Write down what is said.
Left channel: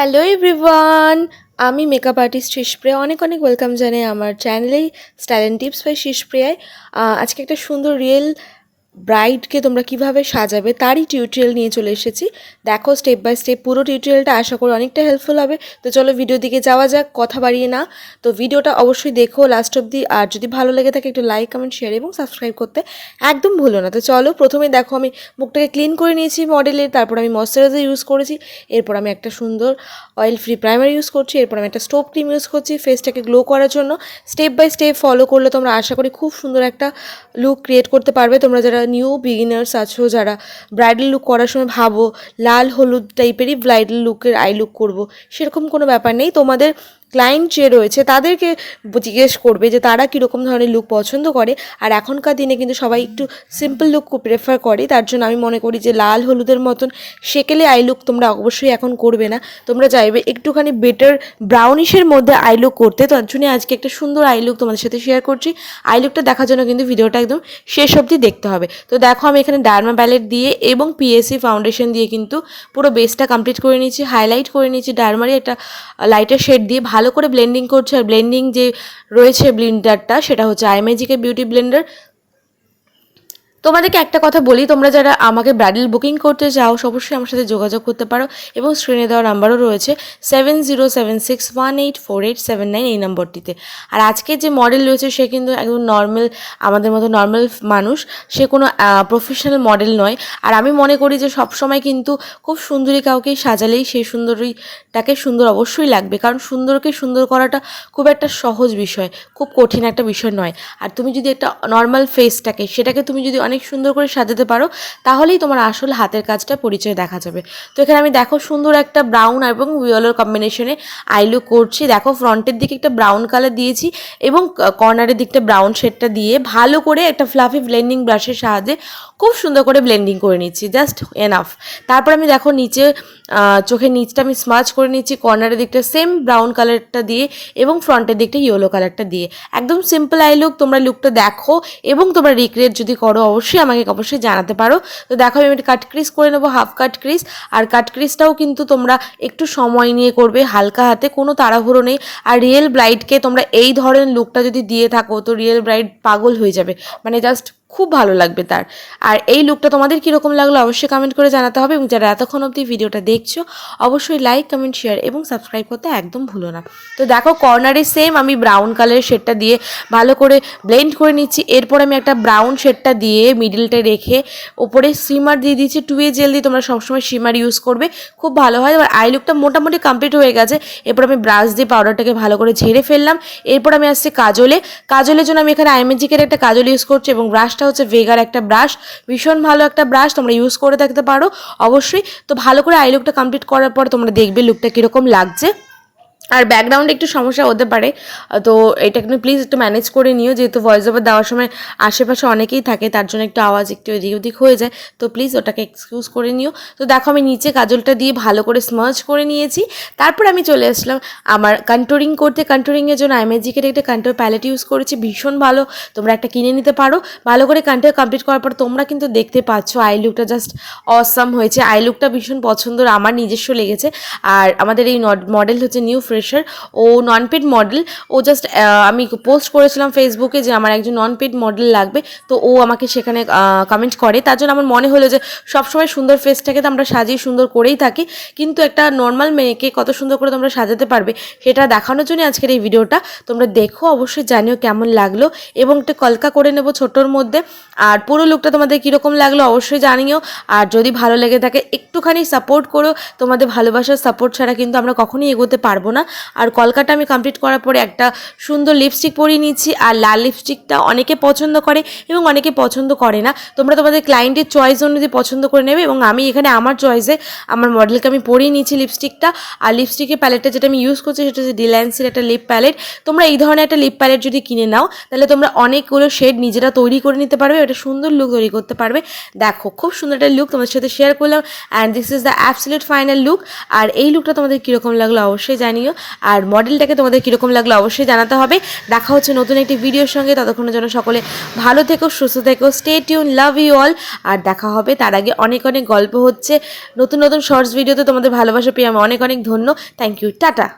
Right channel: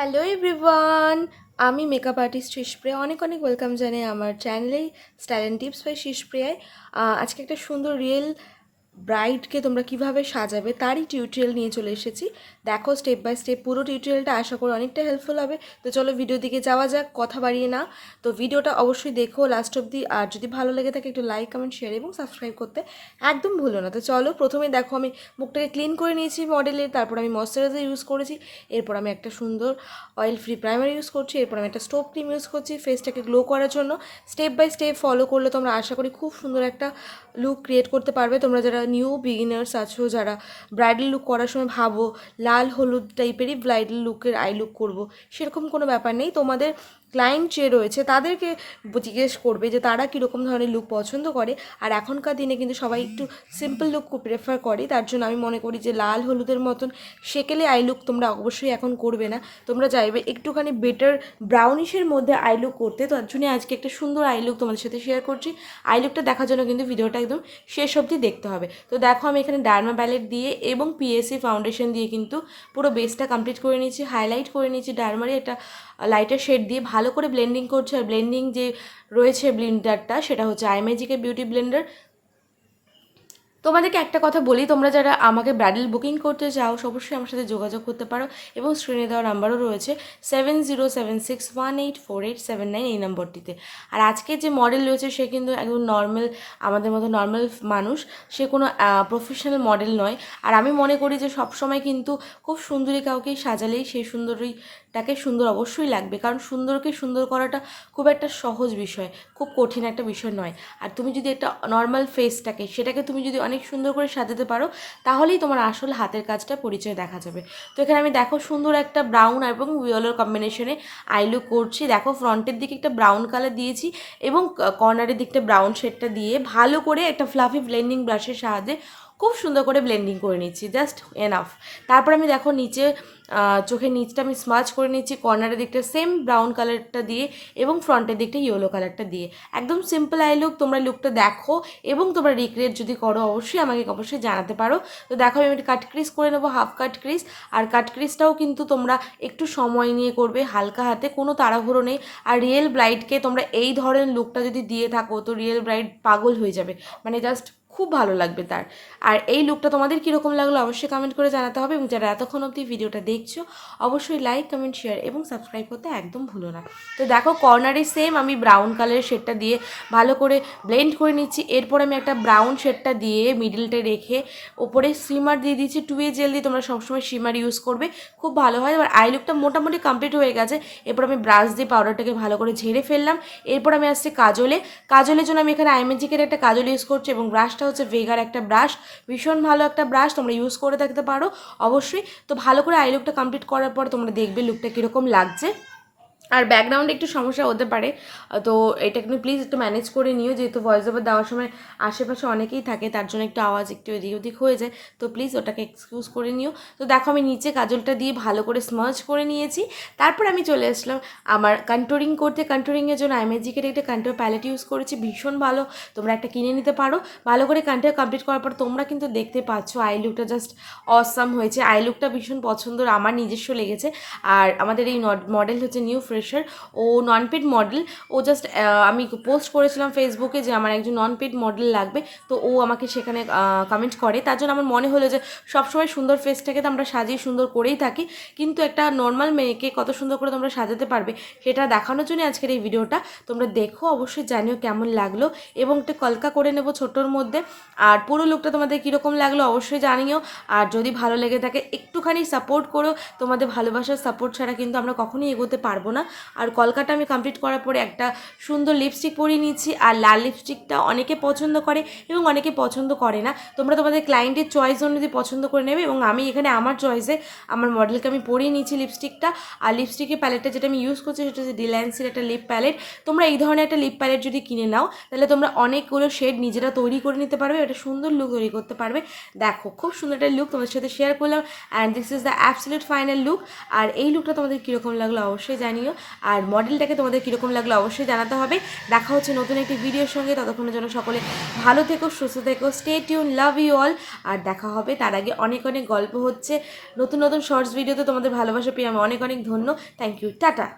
Hello everyone, আমি makeup artist সispriya অনেক অনেক ওয়েলকাম জানাই আমার চ্যানেলেই স্টাইল অ্যান্ড টিপস বাই সispriyaয়। আজকে একটা সুন্দর রিয়েল ব্রাইডকে তোমরা কিভাবে সাজাবে তারই টিউটোরিয়াল নিয়ে চলে এসেছি। দেখো স্টেপ বাই স্টেপ পুরো টিউটোরিয়ালটা, আশা করি অনেকটা হেল্পফুল হবে। তো চলো ভিডিও দিকে যাওয়া যাক, কথা বাড়িয়ে না। তো ভিডিওটা অবশ্যই দেখো লাস্ট অবধি, আর যদি ভালো লেগে থাকে একটু লাইক কমেন্ট শেয়ার এবং সাবস্ক্রাইব করতে একদম ভুলো না। তো চলো, প্রথমে দেখো আমি মুখটাকে ক্লিন করে নিয়েছি মডেলের, তারপর আমি ময়শ্চারাইজার ইউজ করেছি, এরপর আমি একটা সুন্দর অয়েল ফ্রি প্রাইমার ইউজ করছি, এরপর আমি একটা স্টোভ ক্রিম ইউজ করছি ফেসটাকে গ্লো করার জন্য। স্টেপ বাই স্টেপ ফলো করলে তোমরা আশা করি খুব সুন্দর একটা লুক ক্রিয়েট করতে পারবে। তোমরা যারা নিউ বিগিনার্স আছো, যারা ব্রাইডাল লুক করার সময় ভাবো লাল হলুদ টাইপেরই ব্রাইডাল লুকের আই লুক করবো, সেরকম কোনো ব্যাপার নেই। তোমাদের ক্লায়েন্ট যে রয়েছে তাদেরকে জিজ্ঞেস করবে যে তারা কীরকম ধরনের লুক পছন্দ করে। আর এখনকার দিনে কিন্তু সবাই একটু সিম্পল লুক প্রেফার করে, তার জন্য আমি মনে করি যে লাল হলুদের মতন সেকেলে আই লুক তোমরা অবশ্যই এখন করবে না। তোমরা চাইবে একটুখানি বেটার ব্রাউনিশের মধ্যে আই লুক করতে। তার জন্য আজকে একটা সুন্দর আই লুক তোমাদের সাথে শেয়ার করছি। আই লুকটা দেখার জন্য কিন্তু ভিডিওটা একদম শেষ অবধি দেখতে হবে। তো দেখো আমি এখানে ডার্মা প্যালেট দিয়ে এবং পিএসসি ফাউন্ডেশন দিয়ে কিন্তু পুরো বেসটা কমপ্লিট করে নিয়েছি, হাইলাইট করে নিয়েছি ডার্মারি একটা লাইটার শেড দিয়ে ভালো করে ব্লেন্ডিং করছি। আর ব্লেন্ডিং যে রয়েছে ব্লেন্ডারটা, সেটা হচ্ছে আইম্যাজিকের বিউটি ব্লেন্ডার। তোমাদেরকে একটা কথা বলি, তোমরা যারা আমাকে ব্রাইডাল বুকিং করতে চাও অবশ্যই আমার সাথে যোগাযোগ করতে পারো, এবং স্ক্রিনে দেওয়া নাম্বারও রয়েছে 7076184879 এই নম্বরটিতে। আর আজকে যে মডেল রয়েছে সে কিন্তু একদম নর্মাল, আমাদের মতো নর্মাল মানুষ, সে কোনো প্রফেশনাল মডেল নয়। আর আমি মনে করি যে সবসময় কিন্তু খুব সুন্দরী কাউকে সাজালেই সেই সুন্দরীটাকে সুন্দর অবশ্যই লাগবে, কারণ সুন্দরকে সুন্দর করাটা খুব একটা সহজ বিষয়, খুব কঠিন একটা বিষয় নয়। আর তুমি যদি একটা নর্মাল ফেসটাকে সেটাকে তুমি যদি অনেক সুন্দর করে সাজাতে পারো, তাহলেই তোমার আসল হাতের কাজটা পরিচয় দেখা যাবে। তো এখানে আমি দেখো সুন্দর একটা ব্রাউন এবং ইয়েলোর কম্বিনেশনে আই লুক করছি। দেখো ফ্রন্টের দিকে একটা ব্রাউন কালার দিয়েছি এবং কর্নারের দিকটা ব্রাউন শেডটা দিয়ে ভালো করে একটা ফ্লাফি ব্লেন্ডিং ব্রাশের সাহায্যে খুব সুন্দর করে ব্লেন্ডিং করে নিচ্ছি, জাস্ট এনাফ। তারপর আমি দেখো নিচে চোখের নিচটা আমি স্মাচ করে নিচ্ছি কর্নারের দিকটা সেম ব্রাউন কালারটা দিয়ে এবং ফ্রন্টের দিকটা ইয়েলো কালারটা দিয়ে। একদম সিম্পল আই লুক। তোমরা লুকটা দেখো এবং তোমরা রিক্রিয়েট যদি করো অবশ্যই আমাকে অবশ্যই জানাতে পারো। তো দেখো আমি একটা কাট ক্রিজ করে নেবো, হাফ কাট ক্রিজ। আর কাট ক্রিজটাও কিন্তু তোমরা একটু সময় নিয়ে করবে, হালকা হাতে, কোনো তাড়াহুড়ো নেই। আর রিয়েল ব্রাইডকে তোমরা এই ধরনের লুকটা যদি দিয়ে থাকো তো রিয়েল ব্রাইড পাগল হয়ে যাবে, মানে জাস্ট খুব ভালো লাগবে তার। আর এই লুকটা তোমাদের কীরকম লাগলো অবশ্যই কমেন্ট করে জানাতে হবে, এবং যারা এতক্ষণ অবধি ভিডিওটা দেখছো অবশ্যই লাইক কমেন্ট শেয়ার এবং সাবস্ক্রাইব করতে একদম ভুলো না। তো দেখো কর্নারে সেম আমি ব্রাউন কালারের শেডটা দিয়ে ভালো করে ব্লেন্ড করে নিচ্ছি। এরপর আমি একটা ব্রাউন শেডটা দিয়ে মিডিলটা রেখে ওপরে শিমার দিয়ে দিচ্ছি, 2A জেল দিয়ে তোমরা সবসময় শিমার ইউজ করবে, খুব ভালো হয়। এবার আই লুকটা মোটামুটি কমপ্লিট হয়ে গেছে। এরপর আমি ব্রাশ দিয়ে পাউডারটাকে ভালো করে ঝেড়ে ফেললাম। এরপর আমি আসছি কাজলের জন্য আমি এখানে আইম্যাজিকের একটা কাজল ইউজ করছি, এবং ব্রাশটা হচ্ছে ভেগার একটা ব্রাশ, ভীষণ ভালো একটা ব্রাশ, তোমরা ইউজ করে থাকতে পারো অবশ্যই। তো ভালো করে আই লুকটা কমপ্লিট করার পর তোমরা দেখবে লুকটা কীরকম লাগছে। আর ব্যাকগ্রাউন্ডে একটু সমস্যা হতে পারে, তো এটা কিন্তু প্লিজ একটু ম্যানেজ করে নিও, যেহেতু ভয়েস ওভার দেওয়ার সময় আশেপাশে অনেকেই থাকে, তার জন্য একটু আওয়াজ একটু এদিক ওদিক হয়ে যায়, তো প্লিজ ওটাকে এক্সকিউজ করে নিও। তো দেখো আমি নিচে কাজলটা দিয়ে ভালো করে স্মার্চ করে নিয়েছি। তারপর আমি চলে আসলাম আমার কন্ট্রোরিং করতে। কন্ট্রোরিংয়ের জন্য আইম্যাজিকের একটা কন্ট্রোর প্যালেট ইউজ করেছি, ভীষণ ভালো, তোমরা একটা কিনে নিতে পারো। ভালো করে কন্ট্রোর কমপ্লিট করার পর তোমরা কিন্তু দেখতে পাচ্ছ আই লুকটা জাস্ট অসাম হয়েছে। আই লুকটা ভীষণ পছন্দ, আমার নিজস্ব লেগেছে। আর আমাদের এই মডেল হচ্ছে নিউ ফ্রেশার, ও নন পেড মডেল। ও জাস্ট আমি পোস্ট করেছিলাম ফেসবুকে যে আমার একজন নন পেড মডেল লাগবে, তো ও আমাকে সেখানে কমেন্ট করে। তার জন্য আমার মনে হলো যে সবসময় সুন্দর ফেসটাকে তো আমরা সাজিয়ে সুন্দর করেই থাকি, কিন্তু একটা নর্মাল মেয়েকে কত সুন্দর করে তোমরা সাজাতে পারবে সেটা দেখানোর জন্য আজকের এই ভিডিওটা। তোমরা দেখো, অবশ্যই জানিও কেমন লাগলো, এবং একটা কলকা করে নেবো ছোটোর মধ্যে। আর পুরো লুকটা তোমাদের কীরকম লাগলো অবশ্যই জানিও। আর যদি ভালো লেগে থাকে একটুখানি সাপোর্ট করো, তোমাদের ভালোবাসার সাপোর্ট ছাড়া কিন্তু আমরা কখনোই এগোতে পারবো না। আর কলকাটা আমি কমপ্লিট করার পরে একটা সুন্দর লিপস্টিক পরিয়ে নিচ্ছি। আর লাল লিপস্টিকটা অনেকে পছন্দ করে এবং অনেকে পছন্দ করে না, তোমরা তোমাদের ক্লায়েন্টের চয়েস অনুযায়ী পছন্দ করে নেবে। এবং আমি এখানে আমার চয়েসে আমার মডেলকে আমি পরিয়ে নিচ্ছি লিপস্টিকটা। আর লিপস্টিকের প্যালেটটা যেটা আমি ইউজ করছি সেটা হচ্ছে ডিল্যান্সের একটা লিপ প্যালেট। তোমরা এই ধরনের একটা লিপ প্যালেট যদি কিনে নাও তাহলে তোমরা অনেকগুলো শেড নিজেরা তৈরি করে নিতে পারবে, একটা সুন্দর লুক তৈরি করতে পারবে। দেখো খুব সুন্দর একটা লুক তোমাদের সাথে শেয়ার করলাম, and this is the absolute final look. আর এই লুকটা তোমাদের কীরকম লাগলো অবশ্যই জানিও। আর মডেলটাকে তোমাদের কীরকম লাগলো অবশ্যই জানাতে হবে। দেখা হচ্ছে নতুন একটি ভিডিওর সঙ্গে, ততক্ষণের জন্য সকলে ভালো থেকো, সুস্থ থেকো, stay tune, love you all. আর দেখা হবে তার আগে অনেক অনেক গল্প হচ্ছে নতুন নতুন শর্টস ভিডিওতে। তোমাদের ভালোবাসা পেয়ে আমি অনেক অনেক ধন্য। Thank you, tata.